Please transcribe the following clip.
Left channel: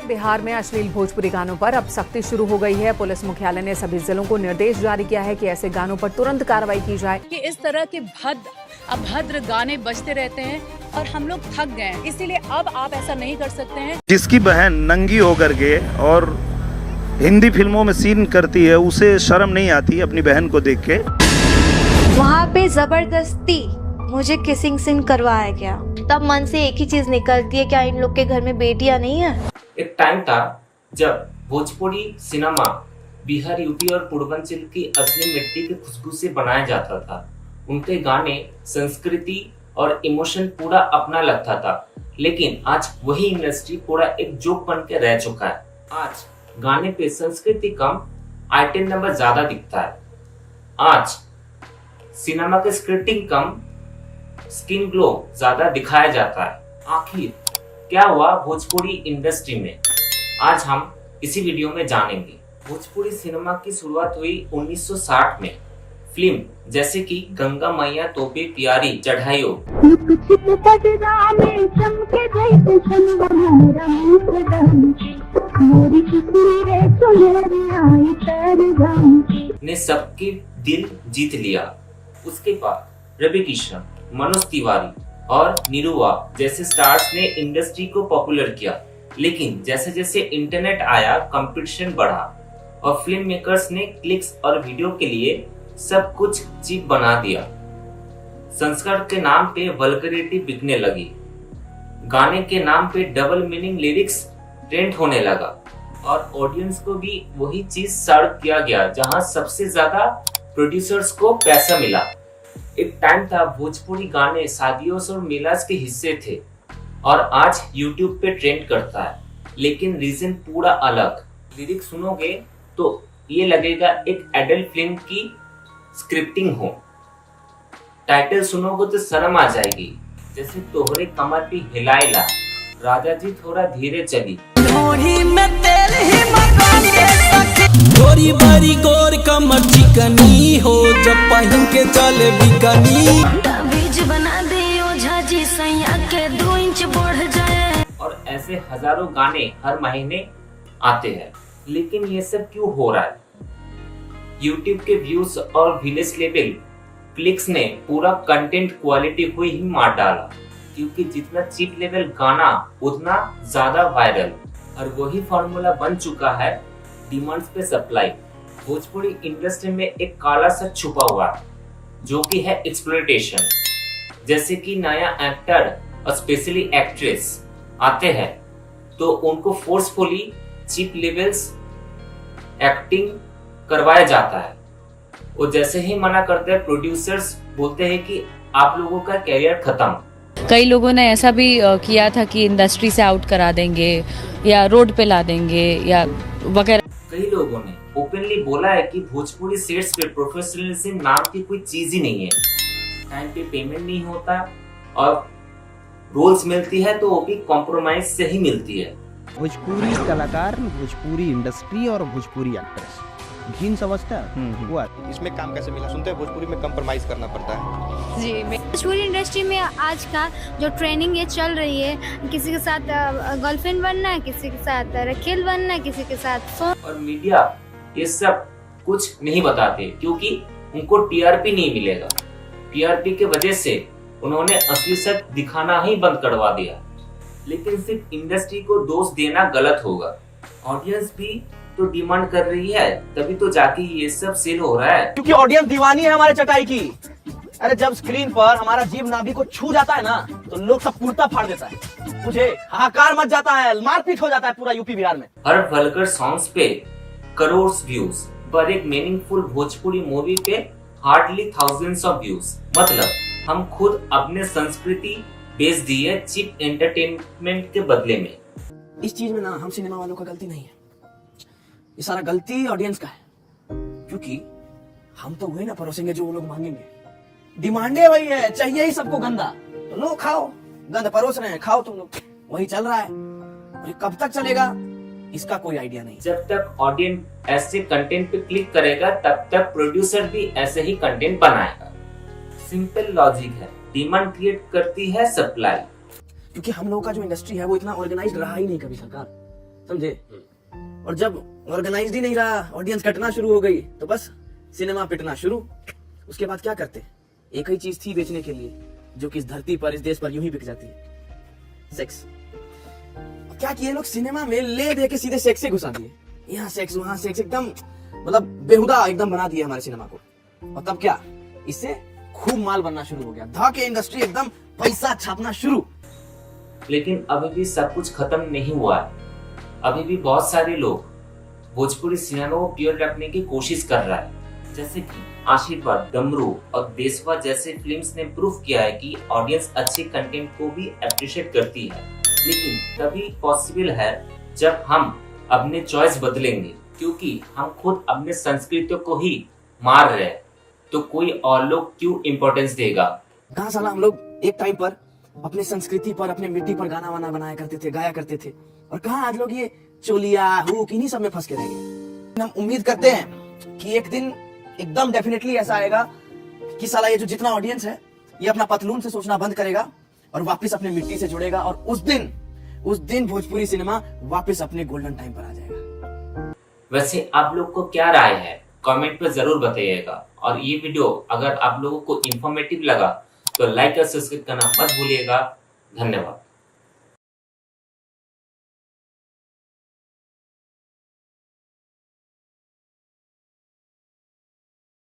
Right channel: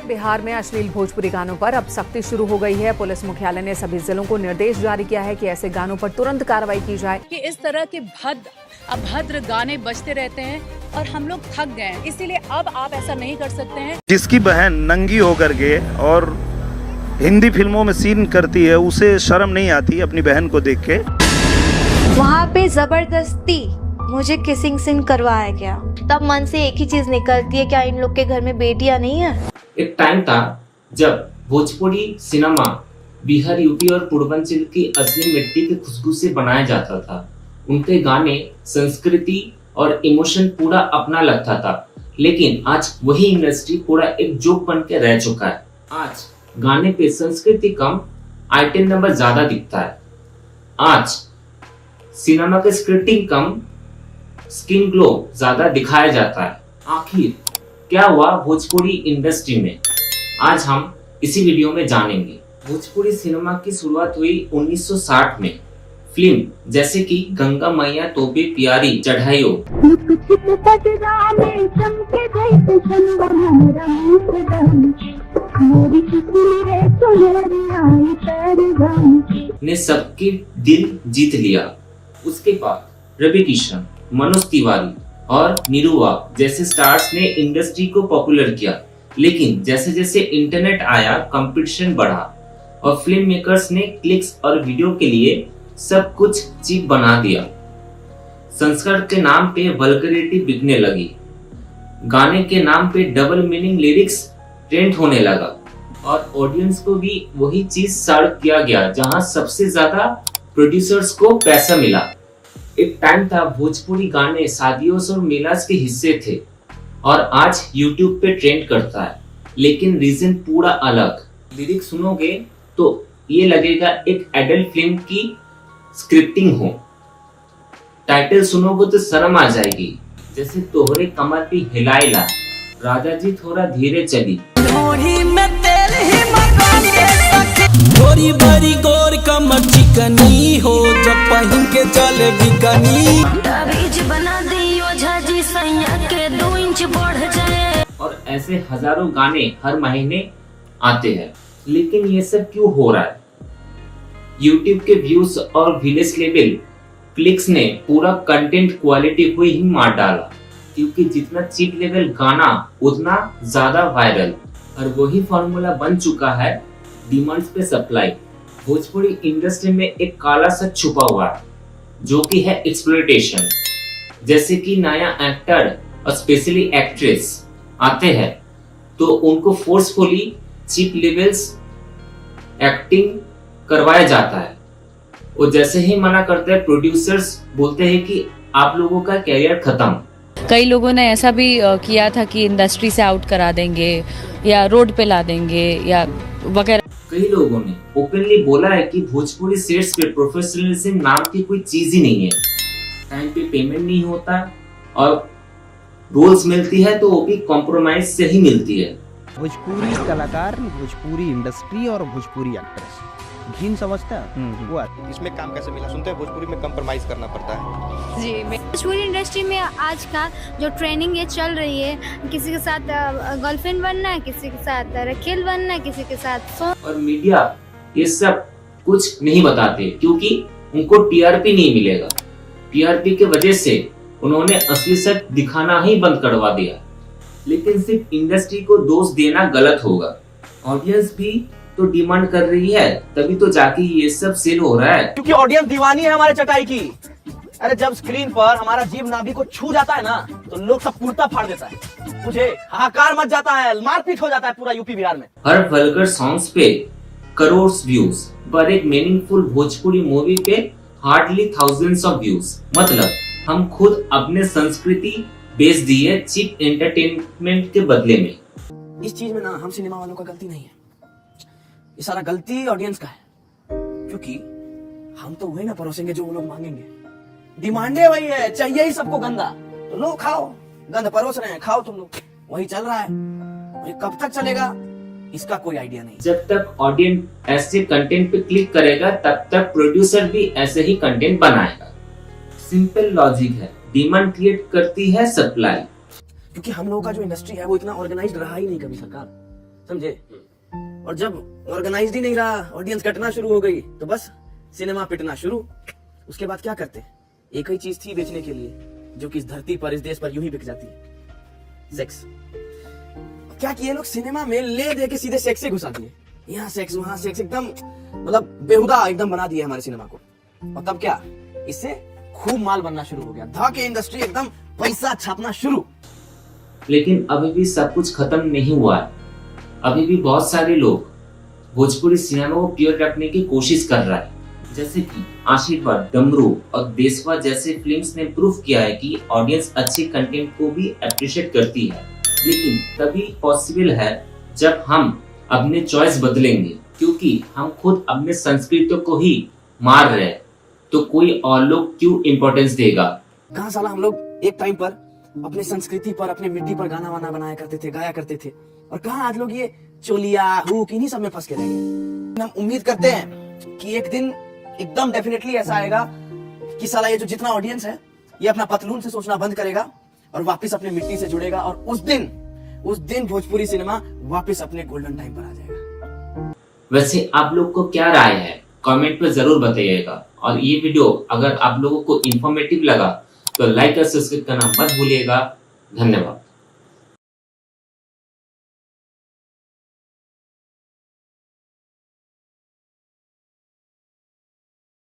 बिहार में अश्लील भोजपुरी गानों पर अब सख्ती शुरू हो गई है। पुलिस मुख्यालय ने सभी जिलों को निर्देश जारी किया है कि ऐसे गानों पर तुरंत कार्रवाई की जाए। कि इस तरह के अभद्र गाने बजते रहते हैं और हम लोग थक गए हैं, इसीलिए अब आप ऐसा नहीं कर सकते हैं। जिसकी बहन नंगी होकर के और हिंदी फिल्मों में सीन करती है, उसे शर्म नहीं आती अपनी बहन को देख के। वहाँ पे जबरदस्ती मुझे किसिंग सीन करवाया गया, तब मन से एक ही चीज निकलती है, क्या इन लोग के घर में बेटियां नहीं है। एक टाइम था जब भोजपुरी सिनेमा बिहार, यूपी और पूर्वांचल की असली मिट्टी की खुशबू से बनाया जाता था। उनके गाने संस्कृति और इमोशन पूरा अपना लगता था, लेकिन आज वही इंडस्ट्री पूरा एक जोक बन के रह चुका है। आज गाने पे संस्कृति कम, आइटम नंबर ज्यादा दिखता है। आज सिनेमा के स्क्रिप्टिंग कम, स्किन ग्लो ज्यादा दिखाया जाता है। आखिर क्या हुआ भोजपुरी इंडस्ट्री में, आज हम इसी वीडियो में जानेंगे। भोजपुरी सिनेमा की शुरुआत हुई 1960 में। फिल्म जैसे कि गंगा मैया तोबे प्यारी चढ़ाइयो, ने सबके दिल जीत लिया। उसके बाद रवि किशन, मनोज तिवारी और निरुआ जैसे स्टार्स ने इंडस्ट्री को पॉपुलर किया। लेकिन जैसे जैसे इंटरनेट आया, कंपटीशन बढ़ा और फिल्म मेकर्स ने क्लिक्स और वीडियो के लिए सब कुछ चीप बना दिया। संस्कार के नाम पे वल्गैरिटी बिकने लगी, गाने के नाम पे डबल मीनिंग लिरिक्स ट्रेंड होने लगा और ऑडियंस को भी वही चीज सर्व किया गया जहां सबसे ज्यादा प्रोड्यूसर्स को पैसा मिला। एक टाइम था भोजपुरी गाने शादियों और मेलास के हिस्से थे और आज YouTube पे ट्रेंड करता है, लेकिन रीजन पूरा अलग। लिरिक्स सुनोगे तो ये लगेगा एक एडल्ट फिल्म की स्क्रिप्टिंग हो। टाइटल सुनोगे तो शर्म आ जाएगी, जैसे तोहरे कमर पे हिलाएला, राजा जी थोड़ा धीरे चली, गोरी बड़ी गोर कमर चिकनी हो, जब पहन के चले बिकनी, और ऐसे हजारों गाने हर महीने आते हैं। लेकिन ये सब क्यों हो रहा है? YouTube के व्यूज और विलेज लेवल क्लिक्स ने पूरा कंटेंट क्वालिटी को ही मार डाला, क्योंकि जितना चीप लेवल गाना उतना ज्यादा वायरल। और वही फॉर्मूला बन चुका है डिमांड्स पे सप्लाई। भोजपुरी इंडस्ट्री में एक काला सा छुपा हुआ है, जो कि है एक्सप्लॉयटेशन। जैसे कि नया एक्टर और स्पेशली एक्ट्रेस आते हैं तो उनको फोर्सफुली चीप लेवल्स एक्टिंग करवाया जाता है, और जैसे ही मना करते हैं प्रोड्यूसर्स बोलते हैं कि आप लोगों का कैरियर खत्म। कई लोगों ने ऐसा भी किया था कि इंडस्ट्री से आउट करा देंगे या रोड पे ला देंगे या वगैरह। कई लोगों ने ओपनली बोला है कि भोजपुरी सेट्स पे प्रोफेशनलिज्म नाम की कोई चीज ही नहीं है। टाइम पे पेमेंट नहीं होता और रोल्स मिलती है तो वो भी कॉम्प्रोमाइज से ही मिलती है। भोजपुरी कलाकार, भोजपुरी इंडस्ट्री और भोजपुरी एक्ट्रेस घिन समझता है वो इसमें काम कैसे मिला? सुनते हैं भोजपुरी में कंप्रोमाइज करना पड़ता है जी। भोजपुरी इंडस्ट्री में आज का जो ट्रेनिंग ये चल रही है, किसी के साथ गर्लफ्रेंड बनना है, किसी के साथ रखेल बनना है, किसी के साथ और मीडिया ये सब कुछ नहीं बताते क्योंकि उनको टीआरपी नहीं मिलेगा। टीआरपी के वजह से उन्होंने असली सच दिखाना ही बंद करवा दिया। लेकिन सिर्फ इंडस्ट्री को दोष देना गलत होगा। ऑडियंस भी तो डिमांड कर रही है, तभी तो जाके ये सब सेल हो रहा है। क्योंकि ऑडियंस दीवानी है हमारे चटाई की। अरे जब स्क्रीन पर हमारा जीभ नाभि को छू जाता है ना, तो लोग सब कुर्ता फाड़ देता है, मुझे हाहाकार मच जाता है, मारपीट हो जाता है पूरा यूपी बिहार में। हर वल्गर सॉन्ग्स पे करोड़ व्यूज, पर एक मीनिंगफुल भोजपुरी मूवी पे हार्डली थाउजेंड्स ऑफ व्यूज। मतलब हम खुद अपने संस्कृति बेच दी है चीप एंटरटेनमेंट के बदले में। इस चीज में ना हम सिनेमा वालों का गलती नहीं है, ये सारा गलती ऑडियंस का है, क्योंकि हम तो वही ना परोसेंगे जो वो लोग मांगेंगे। डिमांडे वही है, चाहिए ही सबको गंदा, तो लो खाओ, गंद परोस रहे हैं, खाओ तुम लोग, वही चल रहा है। और ये कब तक चलेगा इसका कोई आइडिया नहीं। जब तक ऑडियंस ऐसे कंटेंट पे क्लिक करेगा तब तक प्रोड्यूसर भी ऐसे ही कंटेंट बनाएगा। सिंपल लॉजिक है, डिमांड क्रिएट करती है सप्लाई। क्योंकि हम लोगों का जो इंडस्ट्री है वो इतना ऑर्गेनाइज्ड रहा ही नहीं कभी सरकार। समझे? और जब ऑर्गेनाइज्ड ही नहीं रहा, ऑडियंस कटना शुरू हो गई, तो बस सिनेमा पिटना शुरू। उसके बाद क्या करते? एक ही चीज थी बेचने के लिए, जो कि इस धरती पर, इस देश पर यूं ही बिक जाती है, सेक्स। क्या किए लोग? सिनेमा में ले दे के सीधे सेक्स से घुसा दिए। यहाँ सेक्स, वहां सेक्स, एकदम मतलब बेहुदा एकदम बना दिए हमारे सिनेमा को। और तब क्या? इससे खूब माल बनना शुरू हो गया, धाके इंडस्ट्री एकदम पैसा छापना शुरू। लेकिन अभी भी सब कुछ खत्म नहीं हुआ है। अभी भी बहुत सारे लोग भोजपुरी सिनेमा को प्योर रखने की कोशिश कर रहा है, जैसे कि आशीर्वाद, डमरू और देशवा जैसे फिल्म्स ने प्रूव किया है कि ऑडियंस अच्छे कंटेंट को भी अप्रिशिएट करती है। लेकिन तभी पॉसिबल है जब हम अपने चॉइस बदलेंगे, क्योंकि हम खुद अपने संस्कृति को ही मार रहे हैं, तो कोई और लोग क्यों इम्पोर्टेंस देगा? कहाँ साला हम लोग एक टाइम पर अपनी संस्कृति पर, अपने मिट्टी पर गाना वाना बनाया करते थे, गाया करते थे, और कहाँ आज लोग ये चोलिया, हुक, इन्हीं सब में फंस के रह गए। हम उम्मीद करते हैं कि एक दिन एकदम डेफिनेटली ऐसा आएगा कि साला ये जो जितना ऑडियंस है, ये अपना पतलून से सोचना बंद करेगा और वापस अपनी मिट्टी से जुड़ेगा, और उस दिन भोजपुरी सिनेमा वापस अपने गोल्डन टाइम पर आ जाएगा। वैसे आप लोग को क्या राय है? कमेंट पे जरूर बताइएगा। और ये वीडियो अगर आप लोगों को इन्फॉर्मेटिव लगा तो लाइक और सब्सक्राइब करना मत भूलिएगा। धन्यवाद।